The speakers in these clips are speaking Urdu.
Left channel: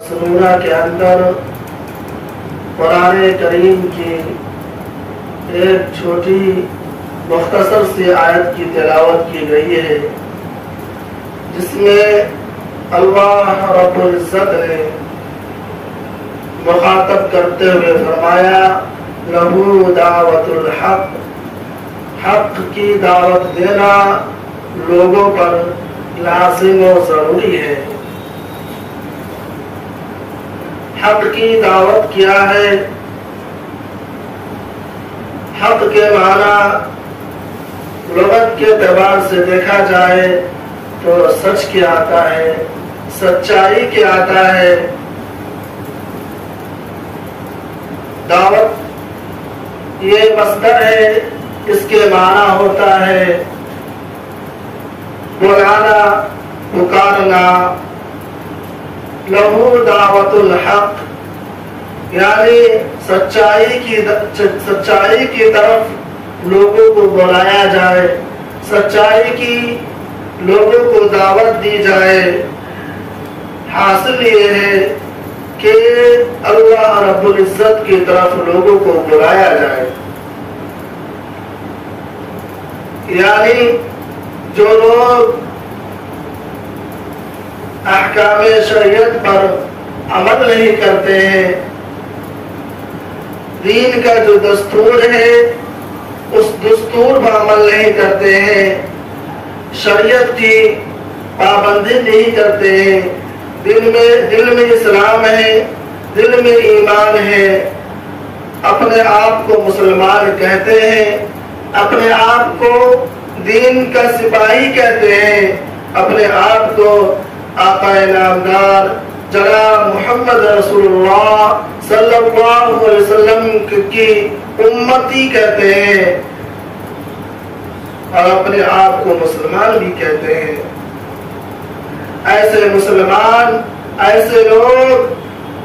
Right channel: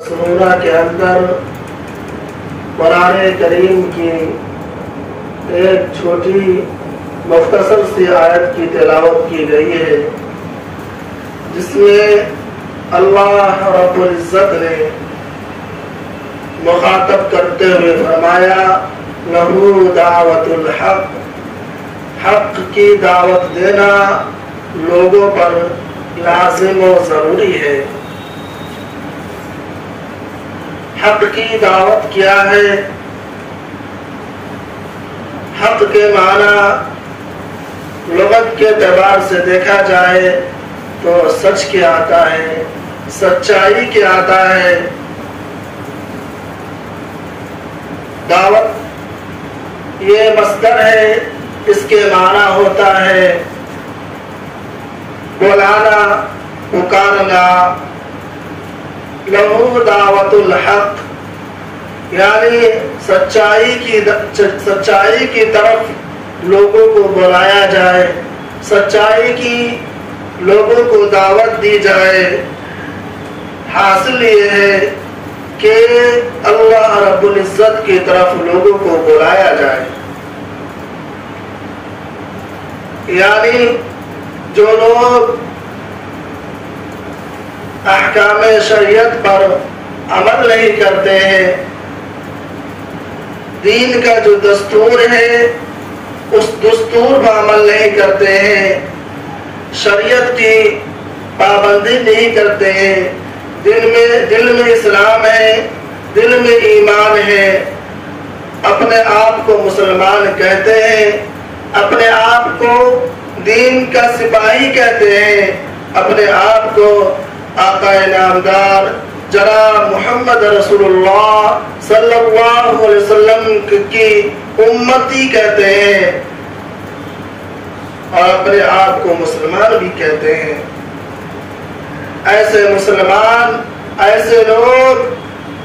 سورہ کے اندر قرآن کریم کی ایک چھوٹی مختصر سی آیت کی تلاوت کی گئی ہے، جس میں اللہ رب العزت نے مخاطب کرتے ہوئے فرمایا لہو دعوت الحق، حق کی دعوت دینا لوگوں پر لازم و ضروری ہے۔ حق کی دعوت کیا ہے؟ حق کے معنی لغت کے اعتبار سے دیکھا جائے تو سچ کیا آتا ہے، سچائی کیا آتا ہے۔ دعوت یہ مصدر ہے، اس کے معنی ہوتا ہے بلانا، پکارنا۔ لہو دعوت الحق یعنی سچائی کی طرف لوگوں کو بلایا جائے، سچائی کی لوگوں کو دعوت دی جائے۔ حاصل یہ ہے کہ اللہ رب العزت کی طرف لوگوں کو بلایا جائے، یعنی جو لوگ احکام شریعت پر عمل نہیں کرتے ہیں، دین کا جو دستور ہے اس دستور پر عمل نہیں کرتے ہیں، شریعت کی پابندی نہیں کرتے ہیں، دل میں اسلام ہے، دل میں ایمان ہے، اپنے آپ کو مسلمان کہتے ہیں، اپنے آپ کو دین کا سپاہی کہتے ہیں، اپنے آپ کو آقا نامدار جناب محمد رسول اللہ صلی اللہ علیہ وسلم کی امتی کہتے ہیں، اور اپنے آپ کو مسلمان بھی کہتے ہیں۔ ایسے مسلمان، ایسے لوگ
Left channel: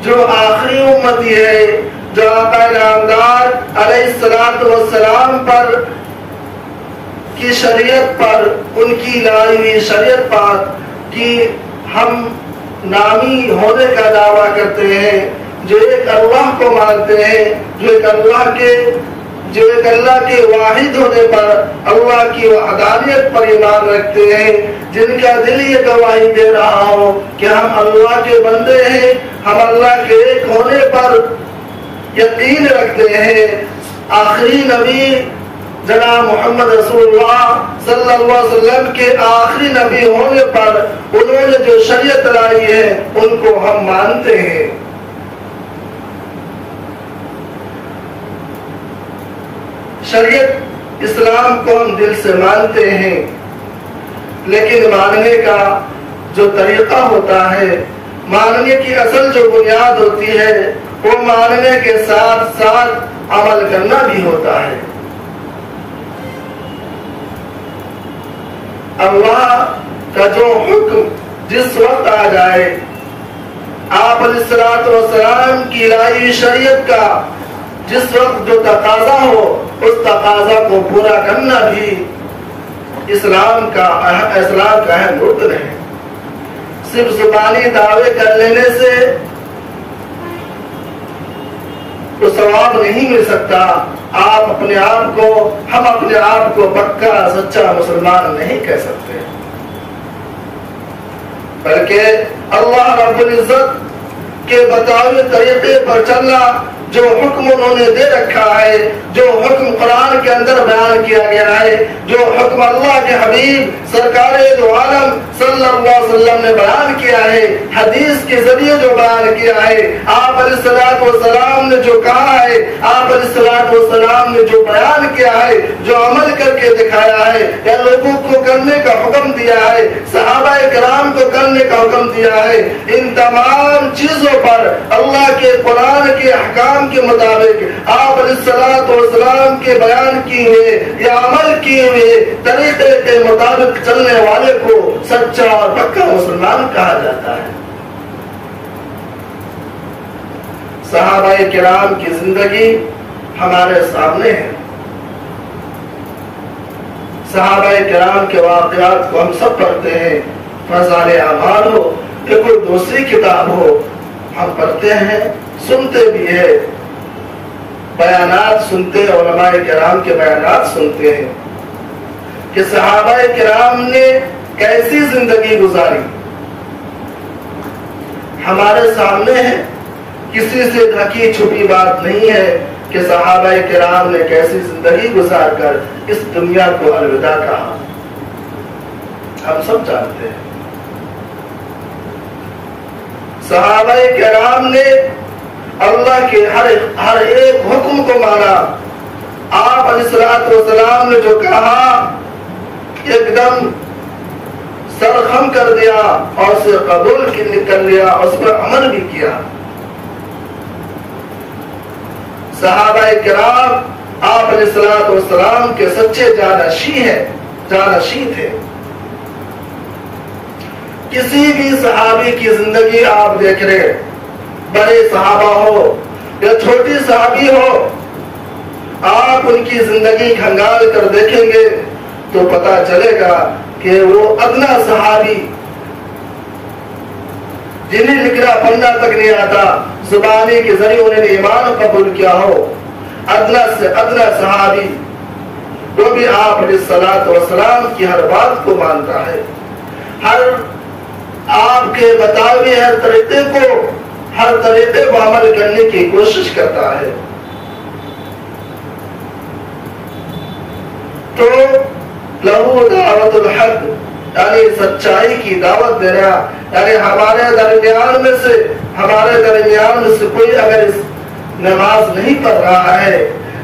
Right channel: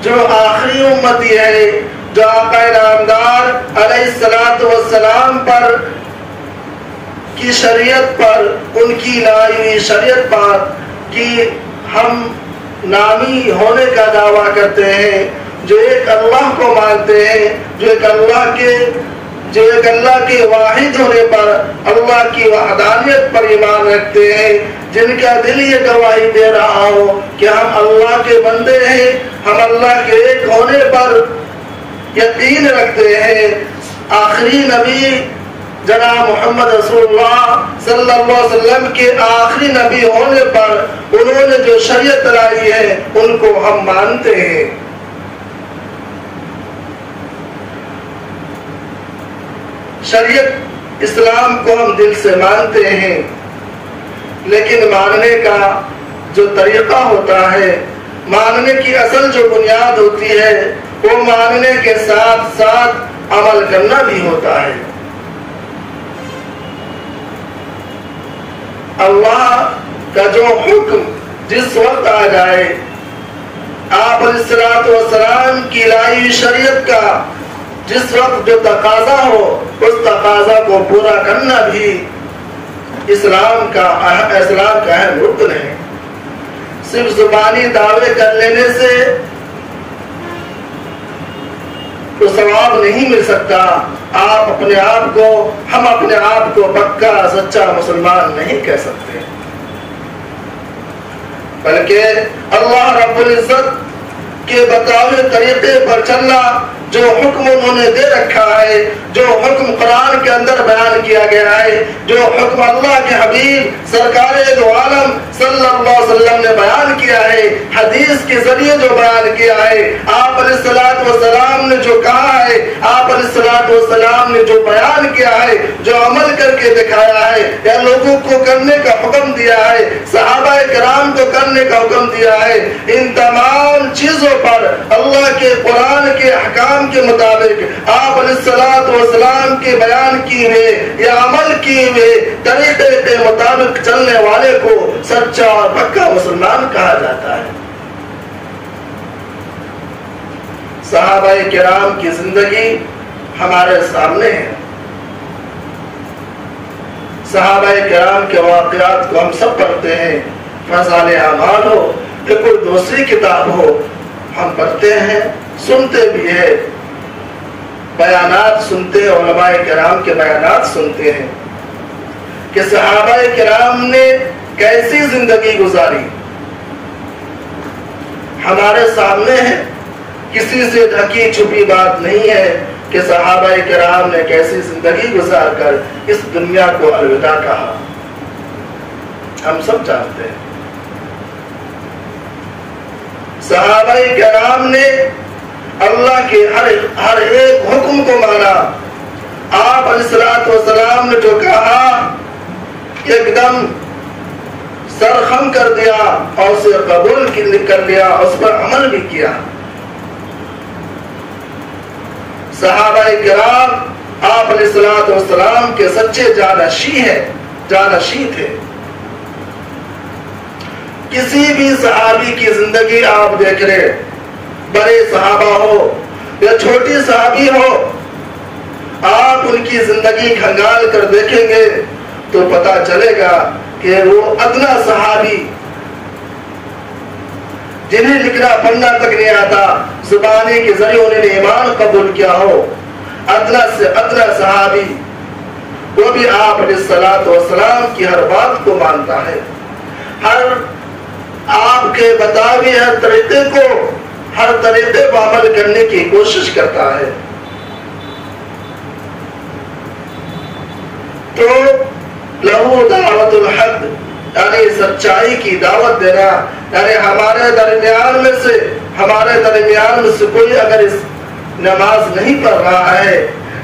جو آخری امتی ہے، جو آقا نامدار علیہ السلام پر کی شریعت پر، ان کی لائی ہوئی شریعت پر کی ہم نامی ہونے کا دعویٰ کرتے ہیں، جو ایک اللہ کو مانتے ہیں، جو ایک اللہ کے واحد ہونے پر، اللہ کی وحدانیت پر ایمان رکھتے ہیں، جن کا دل یہ گواہی دے رہا ہو کہ ہم اللہ کے بندے ہیں، ہم اللہ کے ایک ہونے پر یقین رکھتے ہیں۔ آخری نبی جناب محمد رسول اللہ صلی اللہ علیہ وسلم کے آخری نبی ہونے پر انہوں نے جو شریعت لائی ہے ان کو ہم مانتے ہیں۔ شریعت اسلام کو ہم دل سے مانتے ہیں، لیکن ماننے کا جو طریقہ ہوتا ہے، ماننے کی اصل جو بنیاد ہوتی ہے، وہ ماننے کے ساتھ ساتھ عمل کرنا بھی ہوتا ہے۔ اللہ کا جو حکم جس وقت آ جائے، آپ علیہ السلام کی لائی شریعت کا جس وقت جو تقاضا ہو، اس تقاضا کو پورا کرنا بھی اسلام کا اہم رکن ہے۔ صرف زبانی دعوے کر لینے سے تو ثواب نہیں مل سکتا۔ ہم اپنے آپ کو پکا سچا مسلمان نہیں کہہ سکتے، بلکہ اللہ رب العزت کے بتائے طریقے پر چلنا، جو حکم انہوں نے دے رکھا ہے، جو حکم قرآن کے اندر بیان کیا گیا ہے، جو حکم اللہ کے حبیب سرکار دو عالم صلی اللہ علیہ وسلم نے بیان کیا ہے، حدیث کے ذریعے جو بیان کیا ہے، آپ علیہ السلام نے جو کہا ہے، آپ علیہ السلام نے جو بیان کیا ہے، جو عمل کر کے دکھایا ہے، یا لوگوں کو کرنے کا حکم دیا ہے، صحابہ کرام کو کرنے کا حکم دیا ہے، ان تمام چیزوں پر اللہ کے قرآن کے احکام کے مطابق آپ علیہ السلام کے بیان کیے ہوئے یا عمل کیے ہوئے طریقے کے مطابق چلنے والے کو سچا اور پکا مسلمان کہا جاتا ہے۔ صحابہ کرام کی زندگی ہمارے سامنے ہے، صحابہ کرام کے واقعات کو ہم سب پڑھتے ہیں، فضائل اعمال ہو یا کوئی دوسری کتاب ہو، ہم پڑھتے ہیں، سنتے بھی ہیں، بیانات سنتے ہیں، علماء کرام کے بیانات سنتے ہیں کہ صحابہ کرام نے کیسی زندگی گزاری. ہمارے سامنے ہے، کسی سے ڈھکی چھپی بات نہیں ہے کہ صحابہ کرام نے کیسی زندگی گزار کر اس دنیا کو الوداع کہا. ہم سب جانتے ہیں صحابہ کرام نے اللہ کے ہر ایک حکم کو مانا. آپ علیہ الصلوۃ والسلام نے جو کہا ایک دم سرخم کر دیا اور اسے قبول کر لیا، اس پر عمل بھی کیا. صحابہ کرام آپ علیہ الصلوۃ والسلام کے سچے جانشی تھے. کسی بھی صحابی کی زندگی آپ دیکھ رہے، بڑے صحابہ ہو یا چھوٹی صحابی ہو، آپ ان کی زندگی کھنگال کر دیکھیں گے تو پتا چلے گا کہ وہ ادنا صحابی جنہیں لکھنا پڑھنا تک نہیں آتا، زبانی کے ذریعے انہوں نے ایمان قبول کیا ہو، ادنا سے ادنا صحابی، وہ بھی آپ علیہ الصلوۃ والسلام کی ہر بات کو مانتا ہے، ہر آپ کے بتاوے ہر طریقے کو عمل کرنے کی کوشش کرتا ہے. تو لہو دعوت الحق یعنی سچائی کی دعوت دینا، یعنی ہمارے درمیان میں سے کوئی اگر اس نماز نہیں پڑھ رہا ہے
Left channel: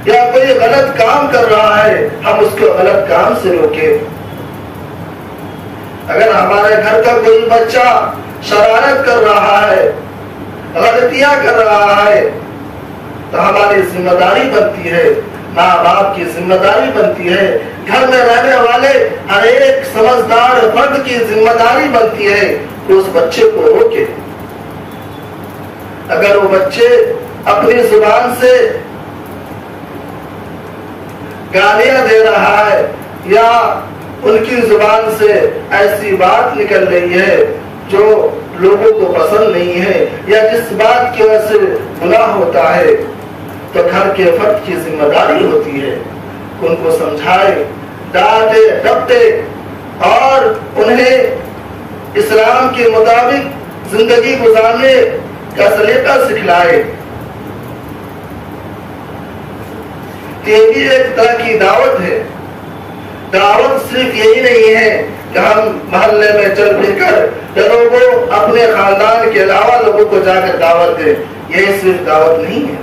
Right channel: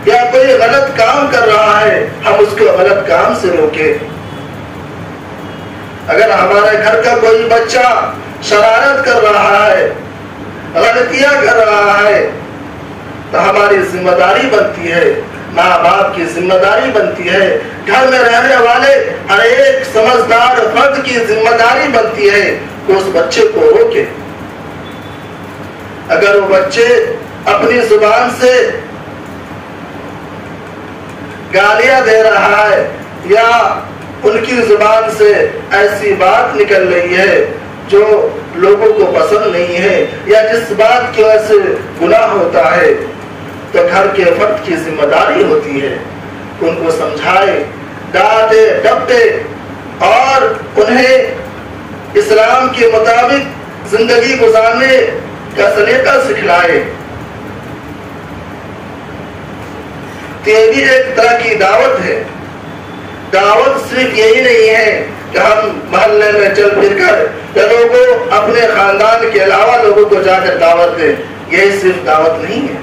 یا کوئی غلط کام کر رہا ہے، ہم اس کو غلط کام سے روکیں. اگر ہمارے گھر کا کوئی بچہ شرارت کر رہا ہے، غلطیاں کر رہا ہے، تو ہماری ذمہ داری بنتی ہے، ماں باپ کی ذمہ داری بنتی ہے، گھر میں رہنے والے ہر ایک سمجھدار فرد کی ذمہ داری بنتی ہے کہ اس بچے کو روکے. اگر وہ بچے اپنی زبان سے گالیاں دے رہا ہے یا ان کی زبان سے ایسی بات نکل رہی ہے جو لوگوں کو پسند نہیں ہے یا جس بات کی وجہ سے گناہ ہوتا ہے، تو گھر کے فرد کی ذمہ داری ہوتی ہے ان کو سمجھائے، ڈانٹے ڈپٹے اور انہیں اسلام کے مطابق زندگی گزارنے کا سلیقہ سکھلائے. یہ بھی ایک طرح کی دعوت ہے. دعوت صرف یہی نہیں ہے کہ ہم محلے میں چل پھر کر لوگوں اپنے خاندان کے علاوہ لوگوں کو جا کر دعوت دیں، یہ صرف دعوت نہیں ہے.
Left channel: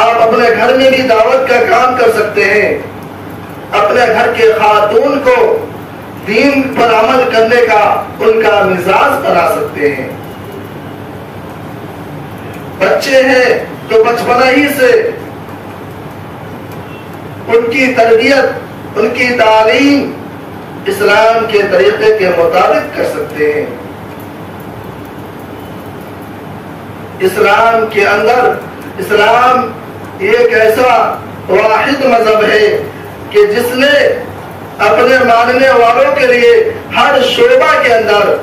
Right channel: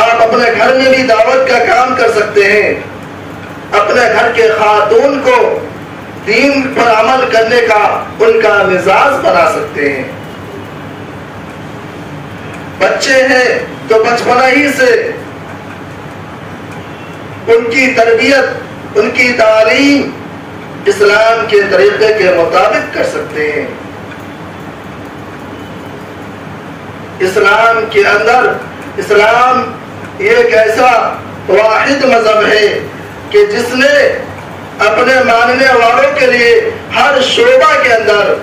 آپ اپنے گھر میں بھی دعوت کا کام کر سکتے ہیں، اپنے گھر کے خاتون کو دین پر عمل کرنے کا ان کا مزاج بنا سکتے ہیں. بچے ہیں تو بچپنا ہی سے ان کی تربیت، ان کی تعلیم اسلام کے طریقے کے مطابق کر سکتے ہیں. اسلام کے اندر اسلام ایک ایسا واحد مذہب ہے کہ جس نے اپنے ماننے والوں کے لیے ہر شعبہ کے اندر،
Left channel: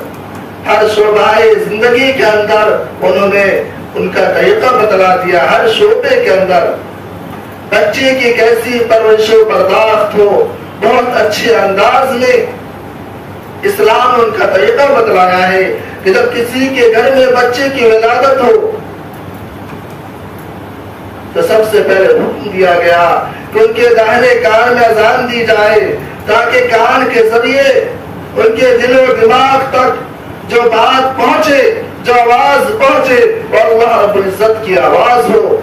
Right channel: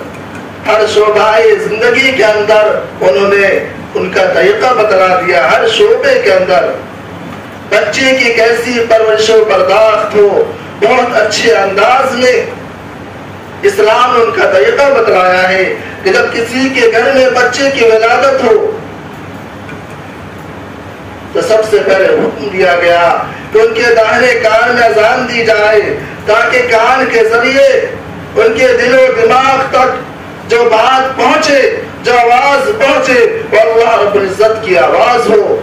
ہر شعبہ زندگی کے اندر انہوں نے ان کا طریقہ بتلا دیا. ہر شعبے کے اندر بچے کی کیسی پرورش و برداشت ہو، بہت اچھے انداز میں اسلام نے ان کا طریقہ بتلایا ہے کہ جب کسی کے گھر میں بچے کی ولادت ہو تو سب سے پہلے حکم دیا گیا کہ ان کے داہنے کان میں اذان دی جائے تاکہ کان کے ذریعے ان کے دل و دماغ تک جو بات پہنچے، جو آواز پہنچے وہ اللہ رب العزت کی آواز ہو،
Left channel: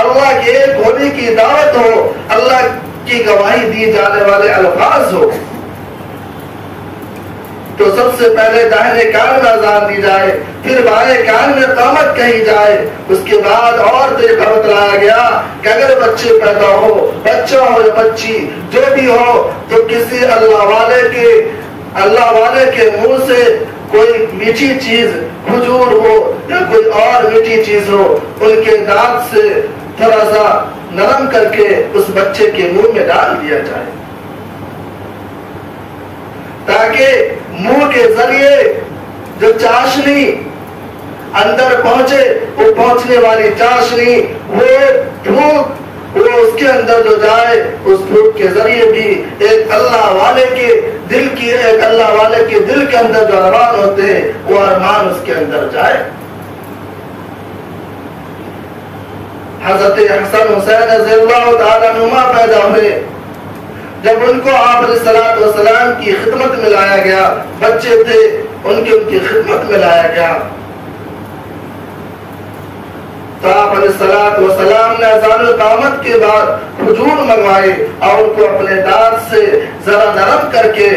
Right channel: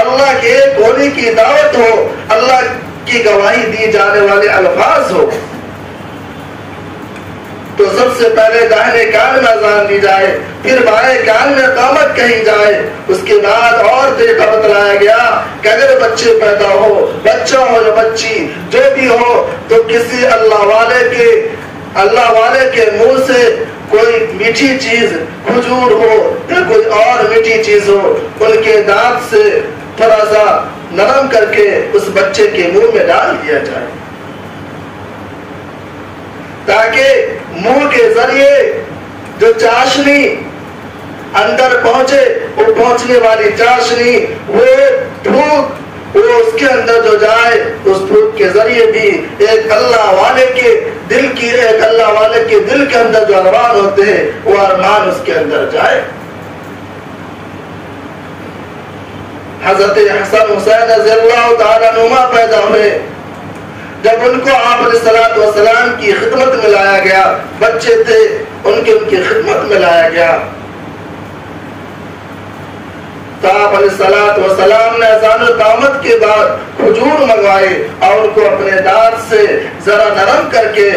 اللہ کے ایک ہونے کی دعوت ہو، اللہ کی گواہی دی جانے والے الفاظ ہو. تو سب سے پہلے داہنے کان میں اذان دی جائے، پھر بائیں کان میں قامت کہی جائے. اس کے بعد اور طریقہ بتلایا گیا کہ اگر بچے پیدا ہو، بچہ ہو یا بچی جو بھی ہو، تو کسی اللہ والے کے منہ سے کوئی میٹھی چیز، کھجور ہو یا کوئی اور میٹھی چیز ہو، ان کے دانت سے تھوڑا سا نرم کر کے اس بچے کے منہ میں ڈال دیا جائے تاکہ منہ کے ذریعے جو چاشنی اندر پہنچے، وہ پہنچنے والی چاشنی، وہ دھوپ، وہ اس کے اندر جو جائے، اس دھوپ کے ذریعے بھی ایک اللہ والے کے دل کی، ایک اللہ والے کے دل کے اندر جو ارمان ہوتے ہیں وہ ارمان اس کے اندر جائے۔ حضرت حسن حسین رضی اللہ تعالیٰ عنہما پیدا ہوئے، جب ان کو آپ علیہ الصلوۃ والسلام کی خدمت میں لایا گیا، بچے تھے، ان کی خدمت میں لایا گیا، تو آپ علیہ الصلوۃ والسلام نے اذان اقامت کے بعد کھجور منگوائے اور ان کو اپنے دانت سے ذرا نرم کر کے،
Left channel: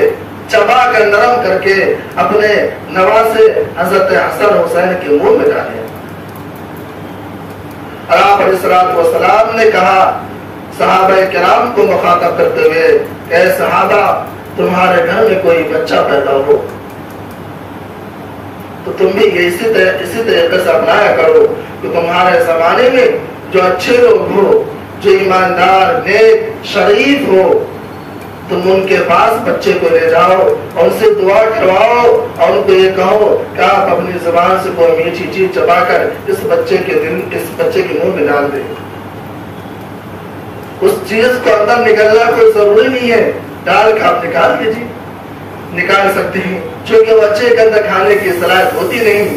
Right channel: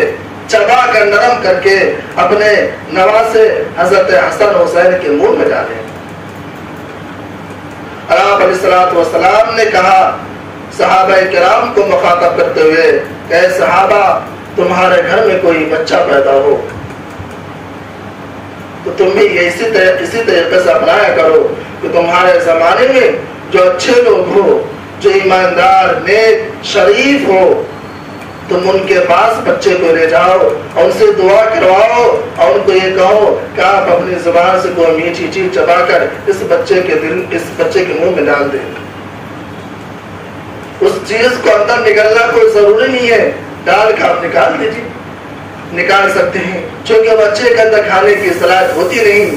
چبا کر نرم کر کے اپنے نواسے حضرت حسن حسین کے منہ میں ڈالے۔ اور آپ علیہ الصلوۃ والسلام نے کہا صحابہ کرام کو مخاطب کرتے ہوئے، اے صحابہ، تمہارے گھر میں کوئی بچہ پیدا ہو تو تم بھی یہ اسی طریقے سے اپنایا کرو کہ تمہارے زمانے میں جو اچھے لوگ ہو، جو ایماندار، نیک، شریف ہو، تم ان کے پاس بچے کو لے جاؤ اور ان سے دعا کرواؤ اور ان کو یہ کہو کہ آپ اپنی زبان سے کوئی میٹھی چیز چبا کر اس بچے کے منہ میں ڈال دیں۔ اس چیز کو اندر نکالنا کوئی ضروری نہیں ہے، ڈال کے آپ نکال دیجیے، نکال سکتے ہیں، چونکہ بچے کے اندر کھانے کی صلاحیت ہوتی نہیں،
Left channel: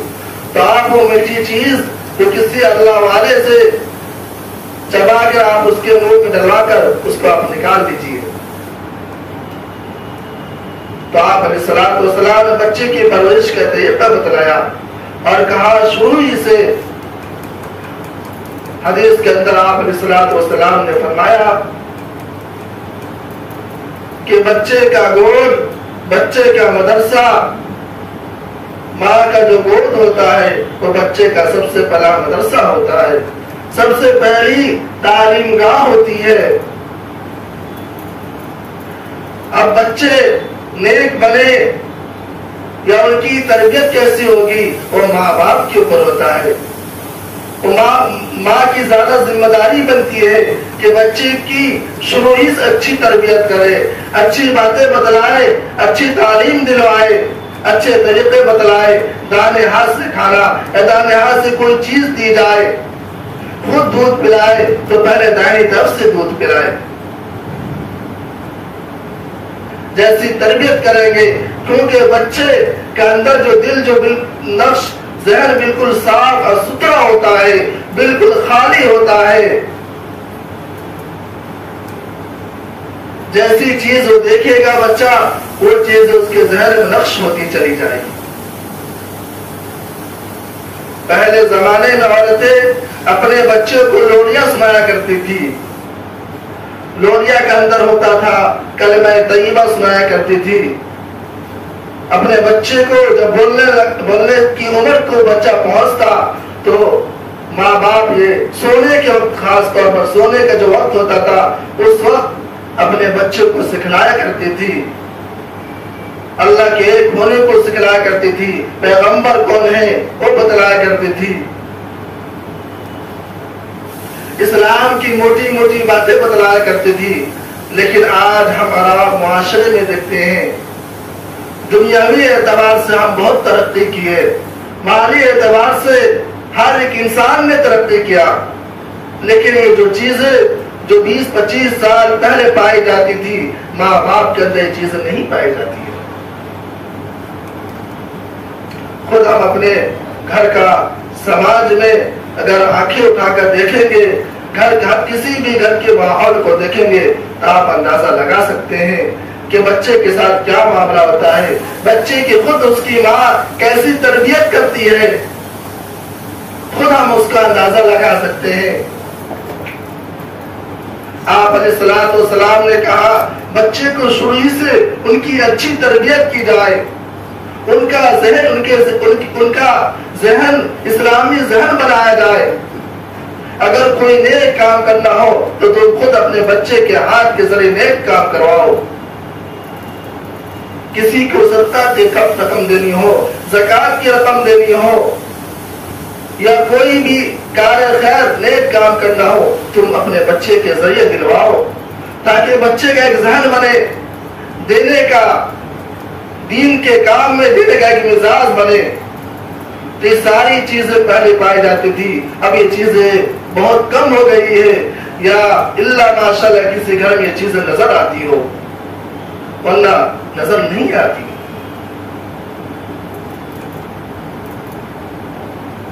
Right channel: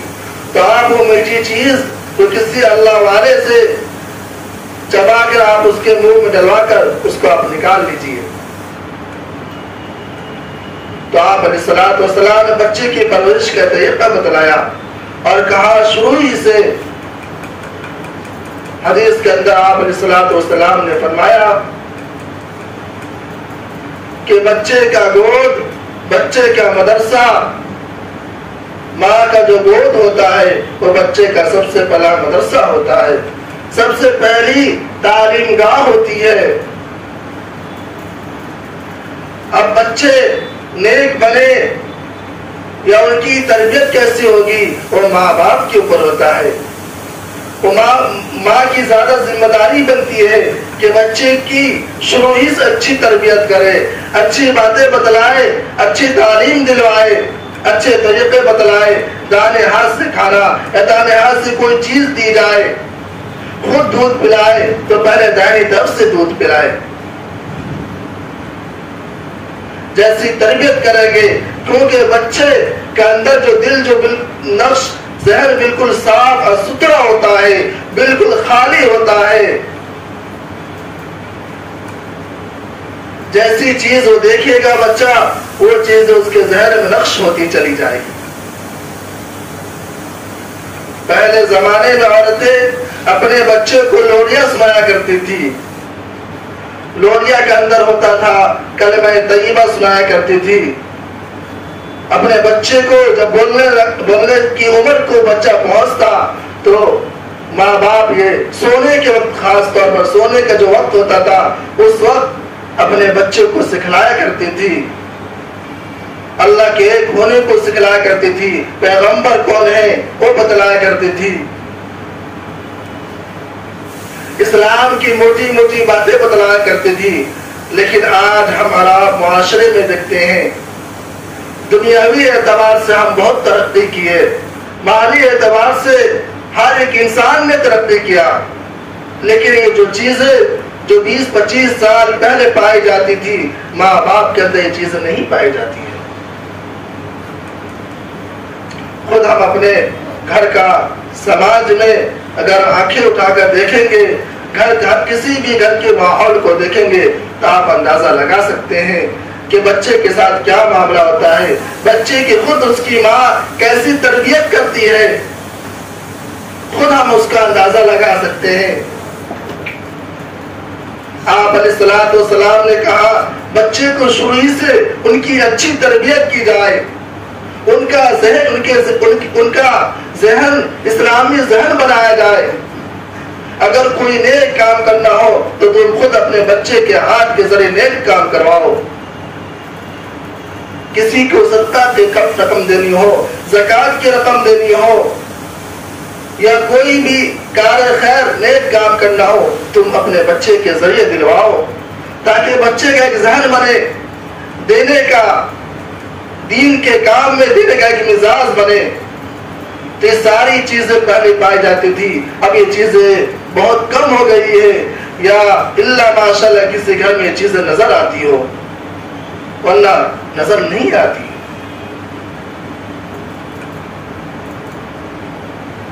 تو آپ وہ میٹھی چیز جو کسی اللہ والے سے چبا کر آپ اس کے منہ میں ڈلوا کر اس کو آپ نکال لیجیے۔ تو آپ علیہ الصلوۃ والسلام نے بچے کی پرورش کا طریقہ بتلایا اور کہا شروع ہی سے، حدیث کے اندر آپ علیہ الصلوۃ والسلام نے فرمایا کہ بچے کا گود، بچے کا مدرسہ، ماں کا جو گود ہوتا ہے وہ بچے کا سب سے پہلا مدرسہ ہوتا ہے، سب سے پہلی تعلیم گاہ ہوتی ہے۔ اب بچے نیک بنے یا ان کی تربیت کیسی ہوگی وہ ماں باپ کے اوپر ہوتا ہے۔ وہ ماں کی زیادہ ذمہ داری بنتی ہے کہ بچے کی شروع ہی سے اچھی تربیت کرے، اچھی باتیں بتلائے، اچھی تعلیم دلوائے، اچھے طریقے بتلائے، دانے ہاتھ سے کھانا یا دانے ہاتھ سے کوئی چیز دی جائے، خود دودھ پلائے تو پہلے دائیں طرف سے دودھ پلائے، جیسی تربیت کریں گے، کیونکہ بچے کے اندر جو دل، جو نفس، ذہن بالکل صاف اور ستھرا ہوتا ہے، بالکل خالی ہوتا ہے، جیسی چیز وہ دیکھے گا بچہ وہ چیز اس کے ذہن میں نقش ہوتی چلی جائے گی۔ پہلے زمانے میں عورتیں اپنے بچے کو لوریاں سنایا کرتی تھی، لوریا کے اندر ہوتا تھا کلمہ طیبہ سنایا کرتی تھی۔ اپنے بچے کو جب بولنے کی عمر کو بچہ پہنچتا تو ماں باپ یہ سونے کے وقت، خاص طور پر سونے کا جو وقت ہوتا تھا، اس وقت اپنے بچے کو سکھلایا کرتی تھی، اللہ کے ایک ہونے کو سکھلایا کرتی تھی، پیغمبر کون ہے وہ بتلایا کرتی تھی، اسلام کی موٹی موٹی باتیں بتلایا کرتی تھی۔ لیکن آج ہمارا معاشرے میں دیکھتے ہیں دنیاوی اعتبار سے ہم بہت ترقی کی ہے، مالی اعتبار سے ہر ایک انسان نے ترقی کیا، لیکن یہ جو چیزیں جو 20-25 سال پہلے پائی جاتی تھی، ماں باپ کے اندر یہ چیزیں نہیں پائی جاتی ہیں۔ خود ہم اپنے گھر کا، سماج میں اگر آنکھیں اٹھا کر دیکھیں گے، کسی بھی گھر کے ماحول کو دیکھیں گے تو آپ اندازہ لگا سکتے ہیں کہ بچے کے ساتھ کیا معاملہ ہوتا ہے، بچے کی خود اس کی ماں کیسی تربیت کرتی ہے، خود ہم اس کا اندازہ لگا سکتے ہیں۔ آپ علیہ الصلوۃ والسلام نے کہا بچے کو شروع ہی سے ان کی اچھی تربیت کی جائے، ان کا ذہن اسلامی ذہن بنایا جائے۔ اگر کوئی نیک کام کرنا ہو تو تم خود اپنے بچے کے ہاتھ کے ذریعے نیک کام کرواؤ، کسی کو صدقہ کی رقم دینی ہو، زکات کی رقم دینی ہو، یا کوئی بھی کار خیر نیک کام کرنا ہو، تم اپنے بچے کے ذریعے دلواؤ، تاکہ بچے کا ایک ذہن بنے دینے کا، دین کے کام میں دینے کا ایک مزاج بنے. تو یہ ساری چیزیں پہلے پائی جاتی تھی، اب یہ چیزیں بہت کم ہو گئی ہے، یا اللہ ماشاءاللہ کسی گھر میں یہ چیزیں نظر آتی ہو، ورنہ نظر نہیں آتی.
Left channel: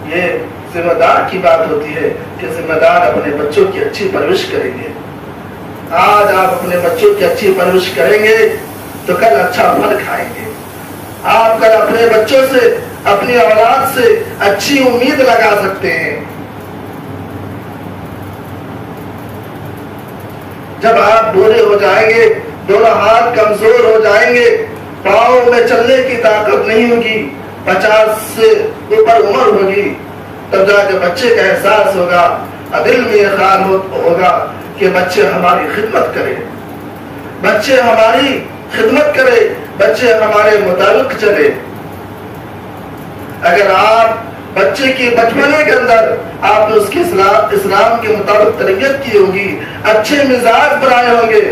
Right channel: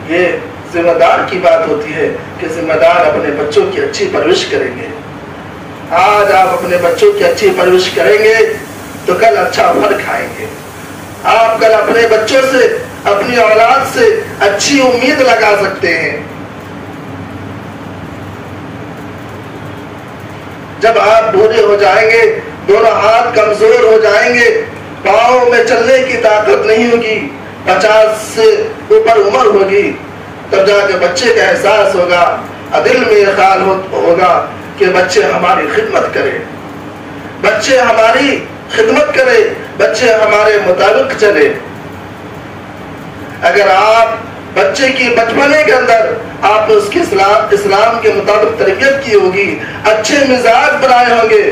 یہ ذمہ دار کی بات ہوتی ہے کہ ذمہ دار اپنے بچوں کی اچھی پرورش کریں گے. آج آپ اپنے بچوں کی اچھی پرورش کریں گے تو کل اچھا پھل کھائیں گے. آپ کل اپنے بچوں سے، اپنی اولاد سے اچھی امید لگا سکتے ہیں. جب آپ بوڑھے ہو جائیں گے، دونوں ہاتھ کمزور ہو جائیں گے، پاؤں میں چلنے کی طاقت نہیں ہوگی، 50 سے اوپر عمر ہوگی، تب جا کے بچے کا احساس ہوگا، دل میں یہ خیال ہوگا کہ بچے ہماری خدمت کرے، بچے ہماری خدمت کرے، بچے ہمارے مطابق چلے. اگر آپ بچے کی بچپنے کے اندر آپ نے اس کی اسلام کے مطابق تربیت کی ہوگی، اچھے مزاج بنائے ہوں گے،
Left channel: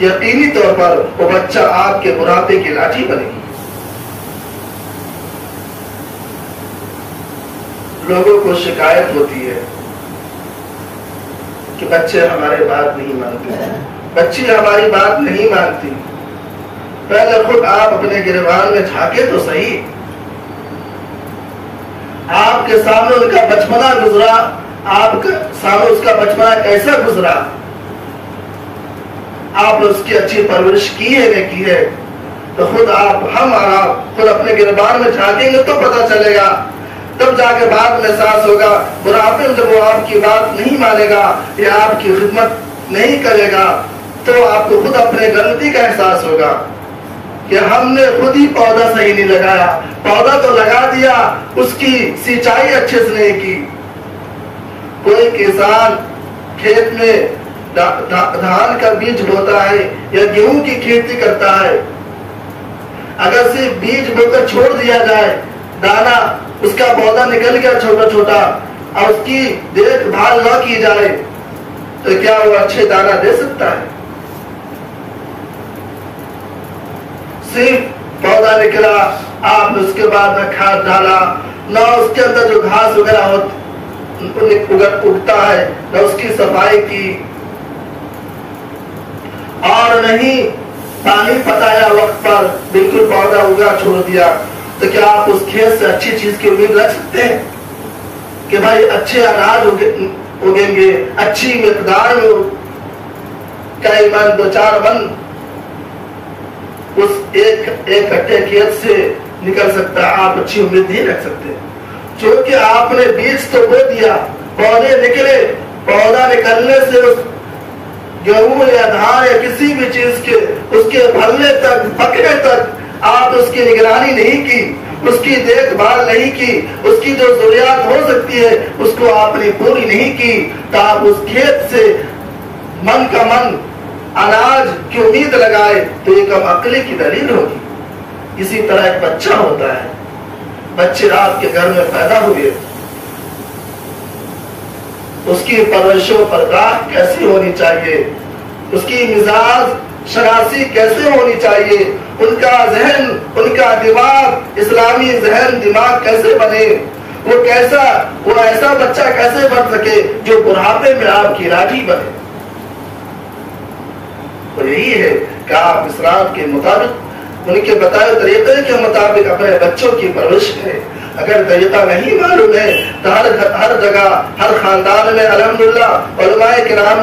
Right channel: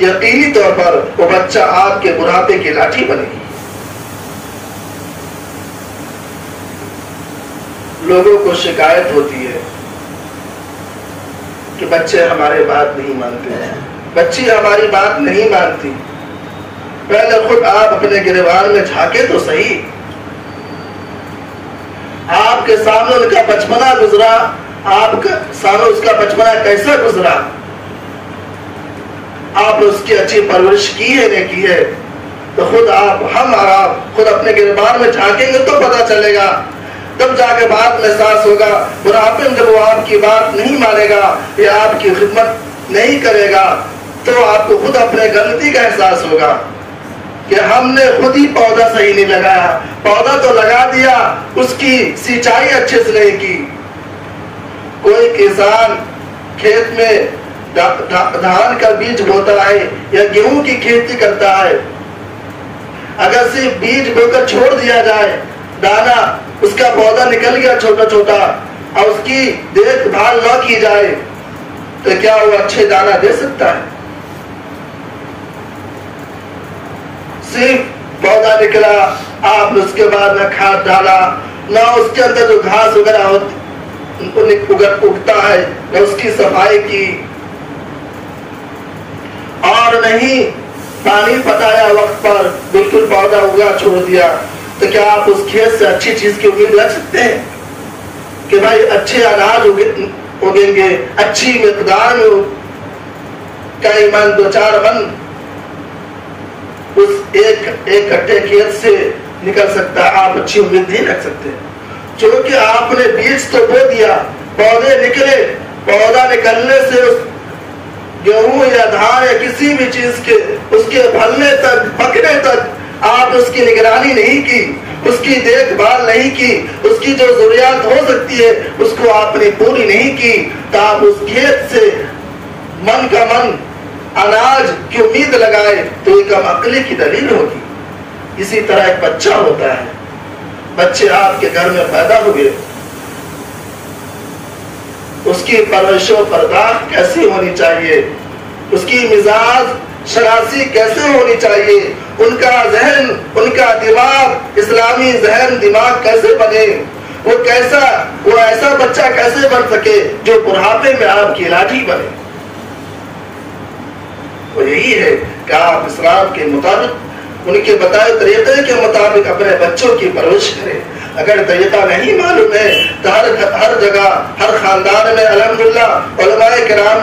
یقینی طور پر وہ بچہ آپ کے بڑھاپے کی لاٹھی بنے گی. لوگوں کو شکایت ہوتی ہے کہ بچے ہمارے بات نہیں مانتے، بچی ہماری بات نہیں مانتی. پہلے خود آپ اپنے گریبان میں جھانکے تو صحیح. آپ کے سامنے ان کا بچپنا گزرا، آپ کے سامنے اس کا بچپنا کیسا گزرا، آپ نے اس کی اچھی پرورش کی ہے نہیں کی ہے. تو خود ہم اور آپ خود اپنے گریبان میں جھانکیں گے تو پتہ چلے گا. تب جا کے بعد میں احساس ہوگا. بڑھاپے میں جب وہ آپ کی بات نہیں مانے گا یا آپ کی خدمت نہیں کرے گا تو آپ کو خود اپنے غلطی کا احساس ہوگا کہ ہم نے خود ہی پودا صحیح نہیں لگایا. پودا تو لگا دیا، اس کی سینچائی اچھے سے نہیں کی. کوئی کسان کھیت میں دھان کا بیج بوتا ہے یا گیہوں کی کھیتی کرتا ہے، اگر صرف بیج بو کر چھوڑ دیا جائے، دانا اس کا پودا نکل گیا چھوٹا چھوٹا، اور اس کی دیکھ بھال نہ کی جائے تو کیا وہ اچھے دانا دے سکتا ہے؟ صرف پودا نکلا، آپ نے اس کے بعد نہ کھاد ڈالا، نہ اس کے اندر جو گھاس وغیرہ اگتا ہے نہ اس کی صفائی کی، اور نہیں پانی پتایا وقت پر، بالکل پودا اگا چھوڑ دیا، تو کیا آپ اس کھیت سے اچھی چیز کی امید رکھ سکتے ہیں کہ بھائی اچھے اناج اگیں گے، اچھی مقدار میں کئی من 2-4 من اس ایک کٹے کھیت سے نکل سکتا ہے؟ آپ اچھی امید نہیں رکھ سکتے. چونکہ آپ نے بیج تو بو دیا، پودے نکلے، پودا نکلنے سے اس گیہوں یا دھان یا کسی بھی چیز کے اس کے پھلنے تک، پکنے تک آپ اس کی نگرانی نہیں کی، اس کی دیکھ بھال نہیں کی، اس کی جو ضروریات ہو سکتی ہے اس کو آپ نے پوری نہیں کی، تو آپ اس کھیت سے من کا من اناج کی امید لگائے تو یہ کم عقلی کی دلیل ہوگی. اسی طرح ایک بچہ ہوتا ہے، بچے آپ کے گھر میں پیدا ہوئے، اس کی پرورش و پرداخت کیسی ہونی چاہیے، اس کی مزاج شناسی کیسے ہونی چاہیے، ان کا ذہن، ان کا دماغ، اسلامی ذہن دماغ کیسے بنے، وہ ایسا بچہ کیسے بن سکے جو بڑھاپے میں آپ کی لاٹھی بنے. وہ یہی ہے کہ آپ اسلام کے مطابق، ان کے بتائے طریقے کے مطابق اپنے بچوں کی پرورش کریں. اگر طریقہ نہیں معلوم ہے تو ہر جگہ، ہر خاندان میں الحمدللہ علماء کرام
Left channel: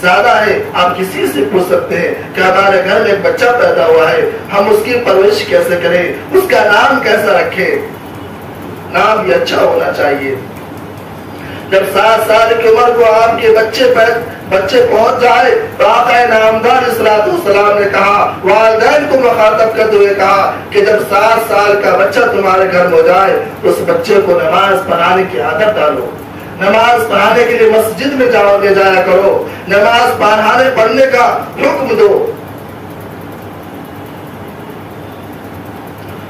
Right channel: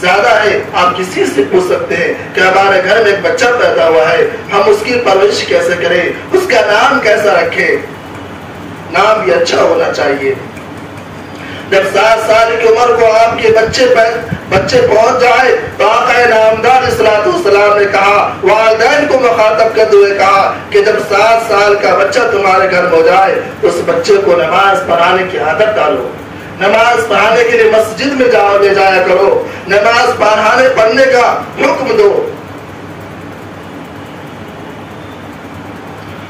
زیادہ ہے. آپ کسی سے پوچھ سکتے ہیں کہ ہمارے گھر میں ایک بچہ پیدا ہوا ہے، ہم اس کی پرورش کیسے کریں، اس کا نام کیسا رکھیں. نام بھی اچھا ہونا چاہیے. جب 7 سال کی عمر کو آپ کے بچے پہنچ جائے تو آقا نامدار الصلوۃ والسلام نے کہا، والدین کو مخاطب کرتے ہوئے کہا کہ جب 7 سال کا بچہ تمہارے گھر میں ہو جائے تو اس بچے کو نماز پڑھانے کی عادت ڈالو، نماز پڑھانے کے لیے مسجد میں لے جایا کرو، نماز پڑھنے کا حکم دو.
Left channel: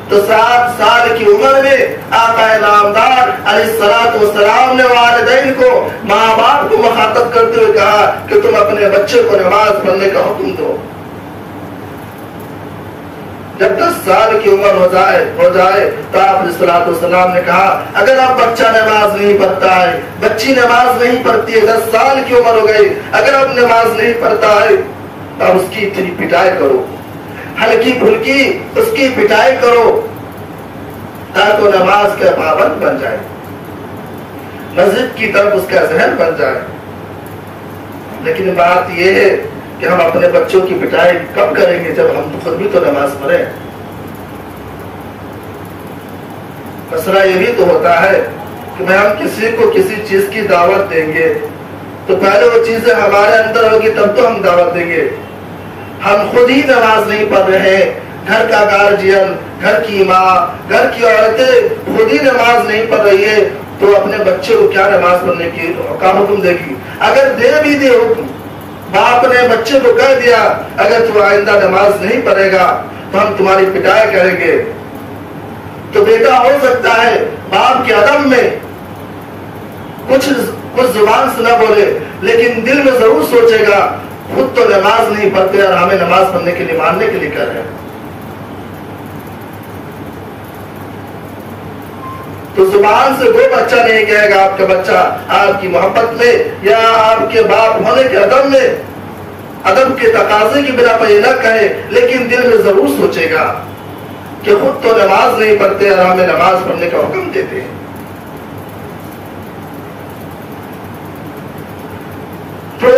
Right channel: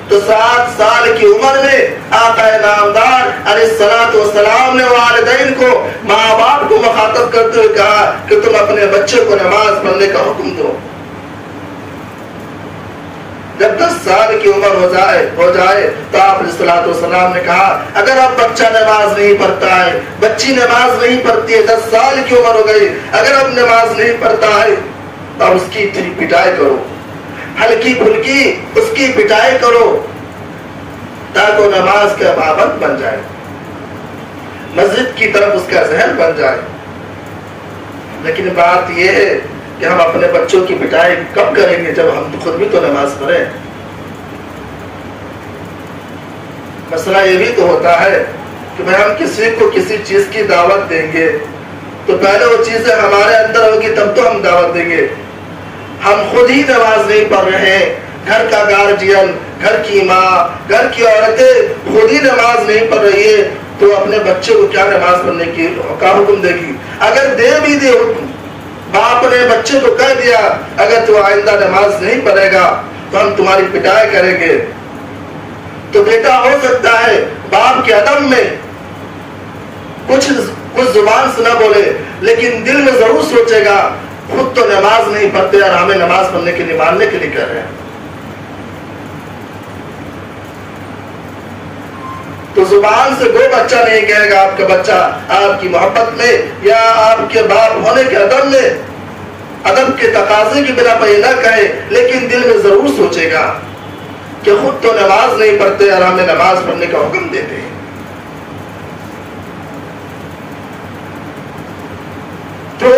تو 7 سال کی عمر میں آقا نامدار علیہ الصلوۃ والسلام نے والدین کو، ماں باپ کو مخاطب کرتے ہوئے کہا کہ تم اپنے بچے کو نماز پڑھنے کا حکم دو. جب 10 سال کی عمر ہو جائے تو آپ علیہ الصلوۃ والسلام نے کہا اگر اب بچہ نماز نہیں پڑھتا ہے، بچی نماز نہیں پڑھتی ہے، 10 سال کی عمر ہو گئی، اگر اب نماز نہیں پڑھتا ہے تو اس کی پٹائی کرو، ہلکی پھلکی اس کی پٹائی کرو تاکہ وہ نماز کا پابند بن جائے، مسجد کی طرف اس کا ذہن بن جائے۔ لیکن بات یہ ہے کہ ہم اپنے بچوں کی پٹائی کب کریں گے؟ جب ہم خود بھی تو نماز پڑھیں۔ مسئلہ یہ بھی تو ہوتا ہے کہ ہم کسی کو کسی چیز کی دعوت دیں گے تو پہلے وہ چیزیں ہمارے اندر ہوگی تب تو ہم دعوت دیں گے۔ ہم خود ہی نماز نہیں پڑھ رہے، گھر کا گارجین، گھر کی ماں، گھر کی عورتیں خود ہی نماز نہیں پڑھ رہی ہے تو اپنے بچے کو کیا نماز پڑھنے کی کا حکم دے گی؟ اگر دے بھی دے حکم، باپ نے بچے کو کہہ دیا اگر تو آئندہ نماز نہیں پڑھے گا تو ہم تمہاری پٹائی کریں گے، تو بیٹا ہو سکتا ہے باپ کے عدم میں کچھ زبان سے نہ بولے لیکن دل میں ضرور سوچے گا خود تو نماز نہیں پڑھتے اور ہمیں نماز پڑھنے کے لیے ماننے کے لیے کہہ رہے ہیں۔ تو زبان سے کوئی بچہ نہیں کہے گا آپ کا بچہ آپ کی محبت میں یا آپ کے باپ ہونے کے عدم میں، ادب کے تقاضے کی بنا پر یہ نہ کہے لیکن دل میں ضرور سوچے گا کہ خود تو نماز نہیں پڑھتے اور ہمیں نماز پڑھنے کا حکم دیتے ہیں۔ تو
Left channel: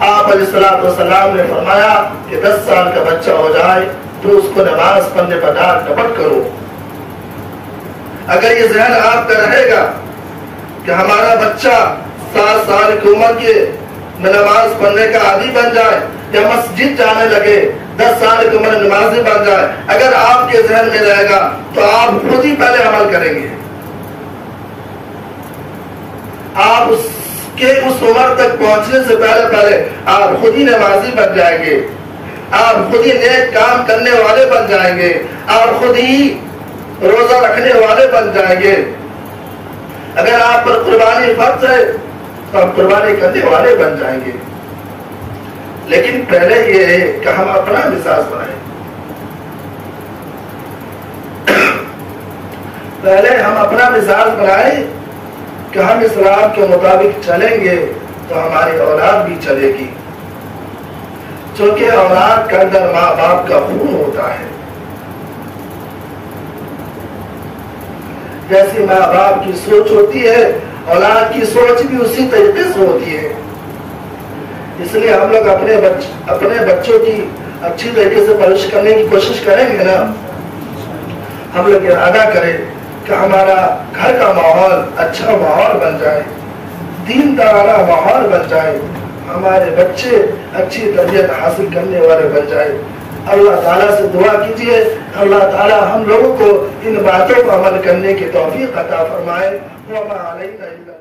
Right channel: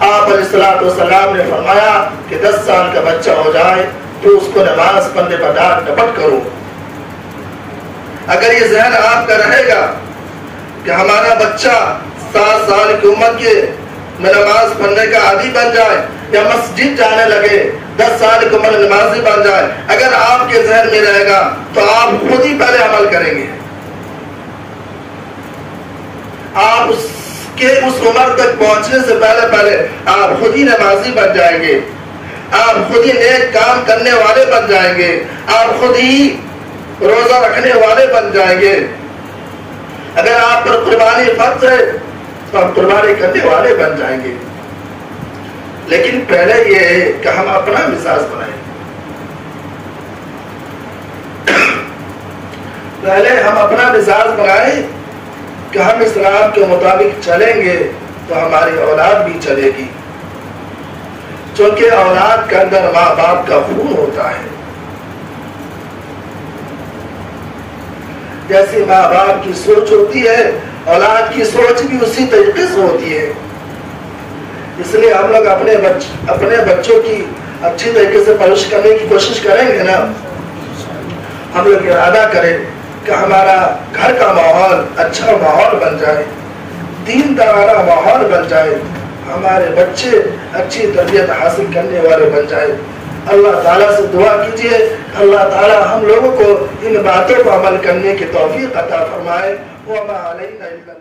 آپ علیہ الصلوۃ والسلام نے فرمایا کہ 10 سال کا بچہ ہو جائے تو اس کو نماز پڑھنے پر ڈانٹ ڈپٹ کرو۔ اگر یہ ذہن آپ کا رہے گا کہ ہمارا بچہ 7 سال کی عمر کے میں نماز پڑھنے کا عادی بن جائے یا مسجد جانے لگے، 10 سال کی عمر نمازی بن جائے، اگر آپ کے ذہن میں رہے گا تو آپ خود ہی پہلے عمل کریں گے، آپ اس عمر تک پہنچنے سے پہلے آپ خود ہی نمازی بن جائیں گے، آپ خود ہی نیک کام کرنے والے بن جائیں گے، آپ خود ہی روزہ رکھنے والے بن جائیں گے۔ اگر آپ پر قربانی فرض ہے تو آپ قربانی کرنے والے بن جائیں گے۔ لیکن پہلے یہ ہے کہ ہم اپنا مزاج بنائیں، پہلے ہم اپنا مزاج بنائیں کہ ہم اسلام کے مطابق چلیں گے تو ہماری اولاد بھی چلے گی، چونکہ اولاد کے اندر ماں باپ کا خون ہوتا ہے۔ جیسی ماں باپ کی سوچ ہوتی ہے اولاد کی سوچ بھی اسی طریقے سے ہوتی ہے۔ اس لیے ہم لوگ اپنے بچوں کی اچھی طریقے سے پرورش کرنے کی کوشش کریں گے نا، ہم لوگ ارادہ کریں کہ ہمارا گھر کا ماحول اچھا ماحول بن جائے، دین دارانہ ماحول بن جائے، ہمارے بچے اچھی تربیت حاصل کرنے والے بن جائے۔ اللہ تعالیٰ سے دعا کیجئے اللہ تعالیٰ ہم لوگوں کو ان باتوں کو عمل کرنے کی توفیق عطا فرمائے۔ وما علینا الا